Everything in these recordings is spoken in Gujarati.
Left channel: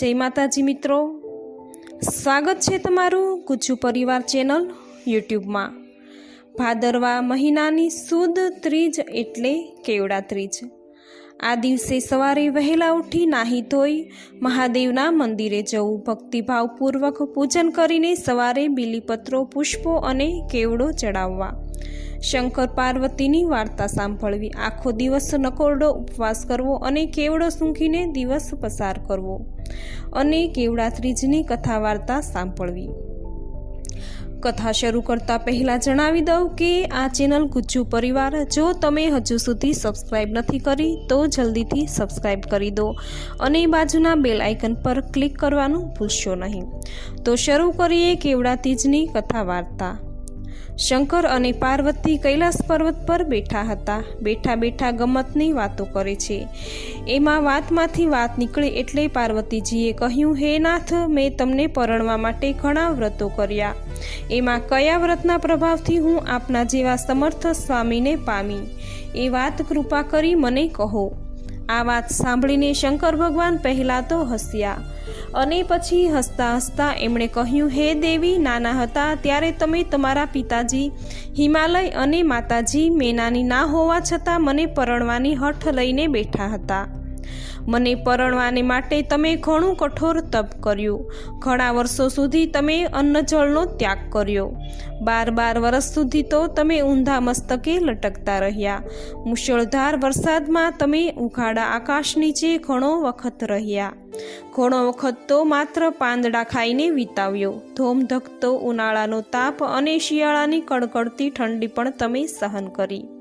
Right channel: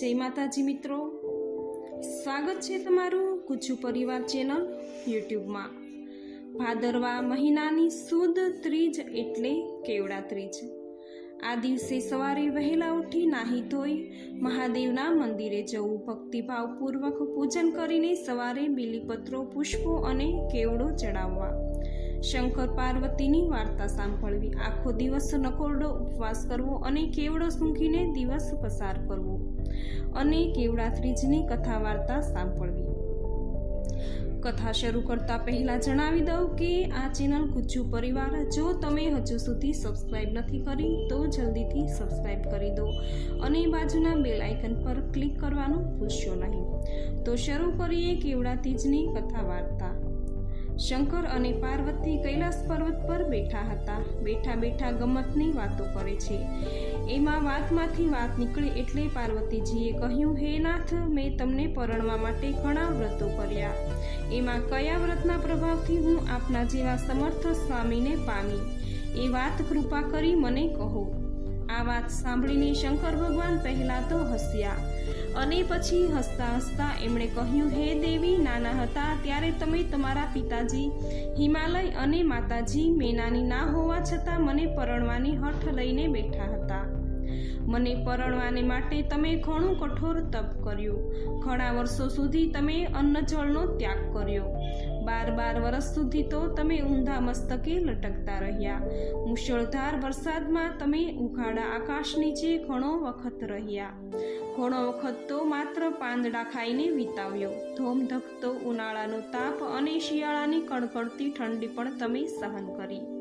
જય માતાજી મિત્રો. સ્વાગત છે તમારું ગુજ્જુ પરિવાર ચેનલ યુટ્યુબમાં. ભાદરવા મહિનાની સુદ ત્રીજ એટલે કેવડા ત્રીજ. આ દિવસે સવારે વહેલા ઉઠી નાહી ધોઈ મહાદેવના મંદિરે જવું, ભક્તિભાવપૂર્વક પૂજન કરીને સવારે બીલીપત્રો, પુષ્પો અને કેવડો ચડાવવા. શંકર પાર્વતીની વાર્તા સાંભળવી. આખો દિવસ નકોરડો ઉપવાસ કરવો અને કેવડો સૂંઘીને દિવસ પસાર કરવો. અને કેવડા ત્રીજની કથા વાર્તા સાંભળવી. કથા શરૂ કરતા પહેલાં જણાવી દઉં કે આ ચેનલ ગુજ્જુ પરિવાર, જો તમે હજુ સુધી સબસ્ક્રાઇબ નથી કરી, તો જલ્દીથી સબસ્ક્રાઇબ કરી દો અને બાજુના બેલ આઇકન પર ક્લિક કરવાનું ભૂલશો નહીં. તો શરૂ કરીએ કેવડા તીજની કથા વાર્તા. શંકર અને પાર્વતી કૈલાસ પર્વત પર બેઠા હતા. બેઠા બેઠા ગમતની વાતો કરે છે. એમાં વાતમાંથી વાત નીકળે એટલે પાર્વતીજીએ કહ્યું, હે નાથ, મેં તમને પરણવા માટે ઘણા વ્રતો કર્યા. એમાં કયા વ્રતના પ્રભાવથી હું આપના જેવા સમર્થ સ્વામીને પામી? એ વાત કૃપા કરી મને કહો. આ વાત સાંભળીને શંકર ભગવાન પહેલાં તો હસ્યા. અને પછી હસતા હસતા એમણે કહ્યું, હે દેવી, નાના હતા ત્યારે તમે તમારા પિતાજી, હિમાલય અને માતાજી મેનાની ના હોવા છતાં મને પરણવાની હઠ લઈને બેઠા હતા. મને પરણવાને માટે તમે ઘણું કઠોર તપ કર્યું. ઘણા વર્ષો સુધી તમે અન્નજળનો ત્યાગ કર્યો. બાર બાર વર્ષ સુધી તો તમે ઊંધા મસ્તકે લટકતા રહ્યા. મુશળધાર વરસાદમાં તમે ઉઘાડા આકાશ નીચે ઘણો વખત રહ્યા. ઘણો વખત તો માત્ર પાંદડા ખાઈને વિતાવ્યો. ધોમધકતો ઉનાળાનો તાપ અને શિયાળાની કડકડતી ઠંડી પણ તમે સહન કરી.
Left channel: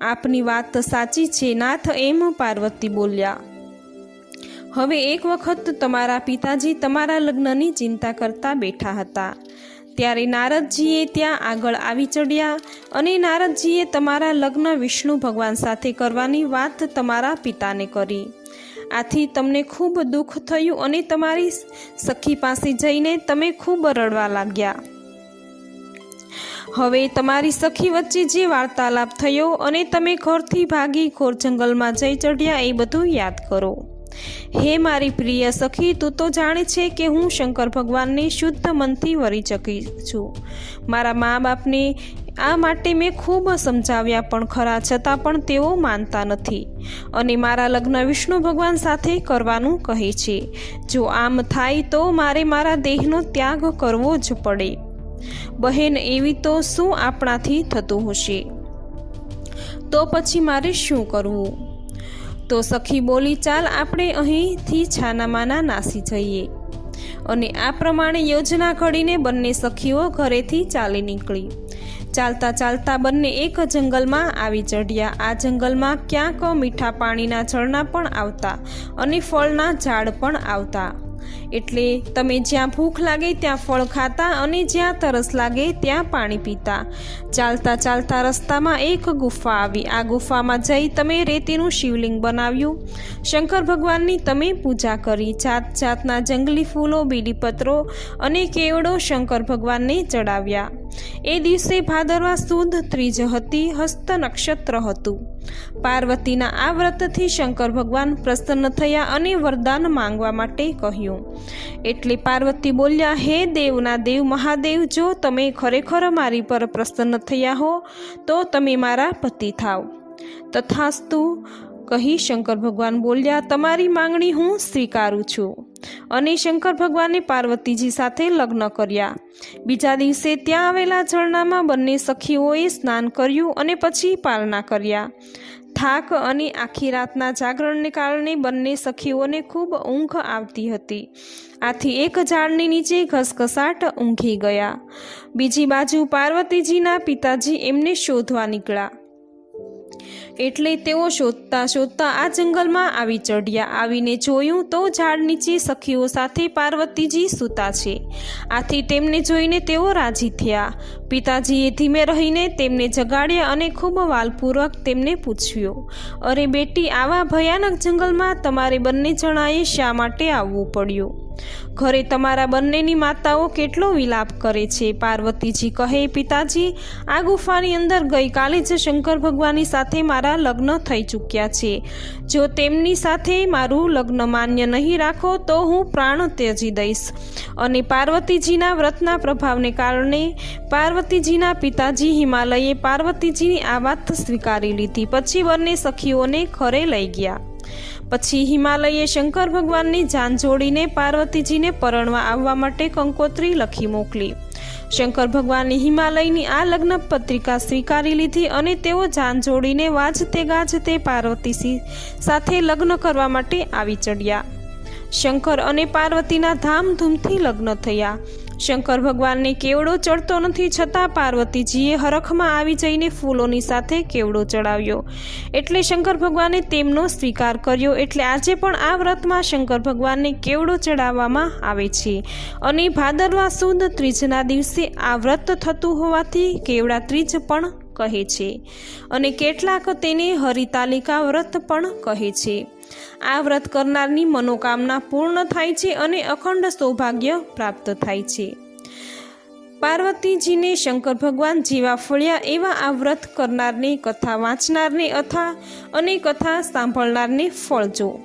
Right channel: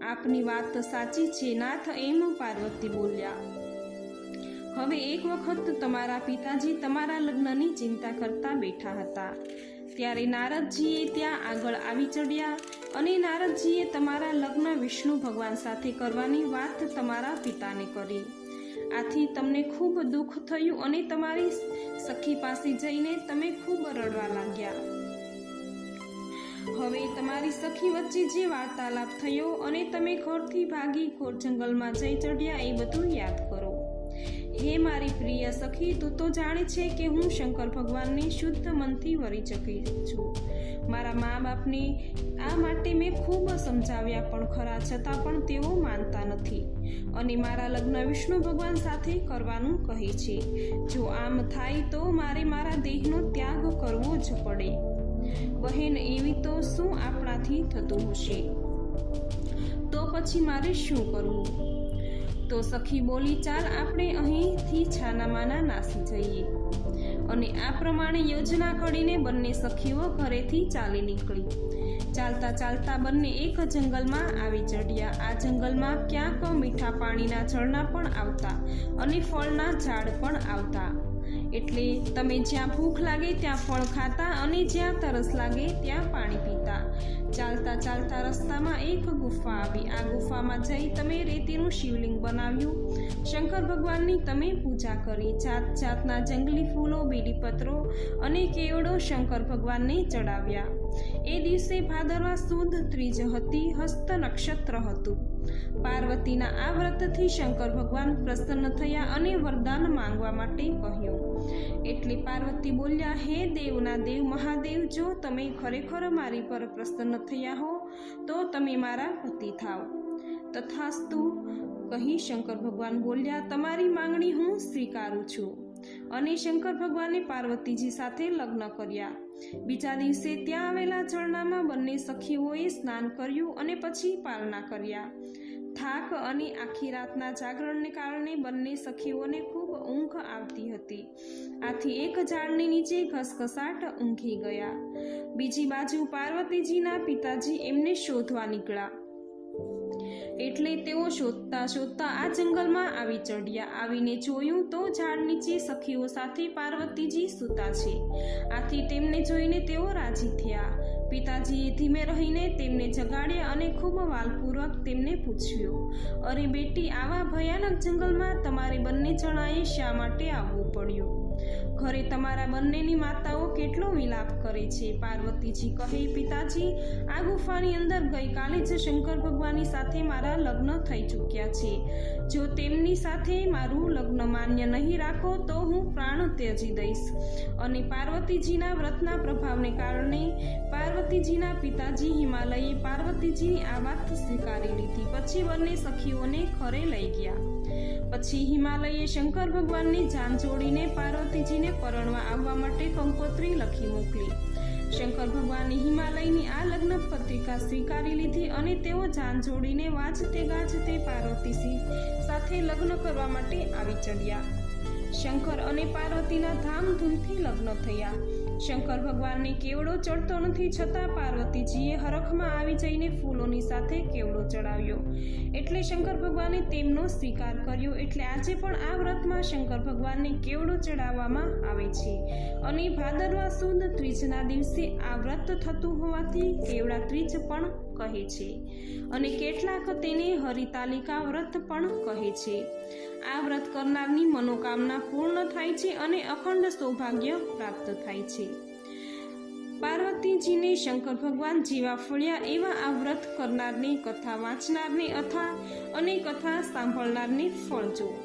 આપની વાત સાચી છે, નાથ એમ પાર્વતી બોલ્યા. હવે એક વખત તમારા પિતાજી તમારા લગ્નની ચિંતા કરતા બેઠા હતા. ત્યારે નારદજીએ ત્યાં આગળ આવી ચડ્યા અને નારદજીએ તમારા લગ્ન વિષ્ણુ ભગવાન સાથે કરવાની વાત તમારા પિતાને કરી. આથી તમને ખૂબ દુઃખ થયું અને તમારી સખી પાસે જઈને તમે ખૂબ રડવા લાગ્યા. હવે તમારી સખી વચ્ચે જે વાર્તાલાપ થયો અને તમે ઘરથી ભાગી ઘોર જંગલમાં જઈ ચઢ્યા એ બધું યાદ કરો. હે મારી પ્રિય સખી, તું તો જાણે છે કે હું શંકર ભગવાનને શુદ્ધ મનથી વરી ચકી છું. મારા મા બાપને આ માટે મેં ખૂબ સમજાવ્યા પણ ખરા છતાં પણ તેઓ માનતા નથી અને મારા લગ્ન વિષ્ણુ ભગવાન સાથે કરવાનું કહે છે. જો આમ થાય તો મારે મારા દેહનો ત્યાગ કરવો જ પડે. બહેન, એવી તો શું આપણાથી થતું હશે? તો પછી મારે શું કરવું? તો સખી બોલી, ચાલ આપણે અહીંથી છાનામાના નાસી જઈએ. અને આ પ્રમાણે યોજના ઘડીને બંને સખીઓ ઘરેથી ચાલી નીકળી. ચાલતા ચાલતા બંને એક જંગલમાં આવી ચઢ્યા. આ જંગલમાં ક્યાંક મીઠા પાણીના ઝરણા પણ આવતા અને ફળના ઝાડ પણ આવતા. એટલે તમે જ્યાં ભૂખ લાગે ત્યાં ફળ ખાતા અને જ્યાં તરસ લાગે ત્યાં પાણી પીતા. ચાલતા ચાલતા રસ્તામાં એક ગુફા આવી. આ ગુફામાં જઈ તમે રેતીનું શિવલિંગ બનાવ્યું. શંકર ભગવાનની તમે પૂજા કરી. જાત જાતના જંગલી ફૂલો, બીડીપત્રો અને કેવડો શંકર ભગવાનને ચડાવ્યા. એ દિવસે ભાદરવા સુદ ત્રીજ હતી, હસ્ત નક્ષત્ર હતું. પાર્વતીના આ વ્રતથી શંકર ભગવાન પ્રસન્ન થયા અને વરદાન માંગવા માટે કહ્યું. એટલે પાર્વતી બોલ્યા, હે દેવના દેવ મહાદેવ, જો તમે ખરેખર મારી પર પ્રસન્ન થયા હો, તો તમે મારા પતિ થાવ. તથાસ્તુ કહી શંકર ભગવાન બોલ્યા, તમારી માંગણી હું સ્વીકારું છું. અને શંકર ભગવાને પાર્વતીજી સાથે લગ્ન કર્યા. બીજા દિવસે ત્યાં આવેલા ઝરણામાં બંને સખીઓએ સ્નાન કર્યું અને પછી પાલના કર્યા. થાક અને આખી રાતના જાગરણને કારણે બંને સખીઓને ખૂબ ઊંઘ આવતી હતી. આથી એક ઝાડની નીચે ઘસઘસાટ ઊંઘી ગયા. બીજી બાજુ પાર્વતીજીના પિતાજી એમને શોધવા નીકળ્યા. એટલે તેઓ શોધતા શોધતા આ જંગલમાં આવી ચઢ્યા. આવીને જોયું તો ઝાડ નીચે સખીઓ સાથે પાર્વતીજી સૂતા છે. આથી તેમને જોઈને તેઓ રાજી થયા. પિતાજીએ ધીમે રહીને તેમને જગાડ્યા અને ખૂબ વાલપૂર્વક તેમને પૂછ્યું, અરે બેટી, આવા ભયાનક જંગલમાં તમારે બંને જણાએ શા માટે આવવું પડ્યું? ઘરે તમારા બંનેની માતાઓ કેટલો વિલાપ કરે છે? પાર્વતીજી કહે, પિતાજી, આ ગુફાની અંદર ગઈકાલે જ શંકર ભગવાનની સાથે મારા લગ્ન થઈ ચૂક્યા છે. જો તેમની સાથે મારું લગ્ન માન્ય નહીં રાખો, તો હું પ્રાણ ત્યજી દઈશ. અને પાર્વતીજીના વ્રતના પ્રભાવને કારણે પાર્વતીજીના પિતાજી હિમાલયે પાર્વતીજીની આ વાત સ્વીકારી લીધી. પછી બંને સખીઓને ઘરે લઈ ગયા. પછી હિમાલયે શંકર ભગવાનની જાન જોડીને પાર્વતીજીને પરણવા આવવા માટે કંકોત્રી લખી મોકલી. શંકર ભગવાનની હિમાલયની આ લગ્ન પત્રિકા સ્વીકારી લીધી અને તેઓ જાન જોડીને વાજતે ગાજતે પાર્વતીજી સાથે લગ્ન કરવા માટે આવી ચડ્યા. શંકર અને પાર્વતીના ધામધૂમથી લગ્ન થયા. શંકર ભગવાનને કેવડો ચડતો નથી છતાં પાર્વતીજીએ હરખમાં આવી જઈને ફૂલોની સાથે કેવડો ચડાવ્યો. એટલે શંકર ભગવાને તેમનો સ્વીકાર કર્યો. એટલે આજે પણ આ વ્રતમાં શંકર ભગવાનને કેવડો ચડાવવામાં આવે છે. અને ભાદરવા સુદ ત્રીજના દિવસે આ વ્રત થતું હોવાથી કેવડા ત્રીજ પણ કહે છે. અને કેટલાક તેને હરિતાલિકા વ્રત પણ કહે છે. આ વ્રત કરનારની મનોકામના પૂર્ણ થાય છે અને અખંડ સૌભાગ્ય પ્રાપ્ત થાય છે. પાર્વતીજીને શંકર ભગવાન જેવા ફળ્યા એવા આ વ્રત કરનારને કથા વાંચનારને અથા અને કથા સાંભળનારને ફળ જો.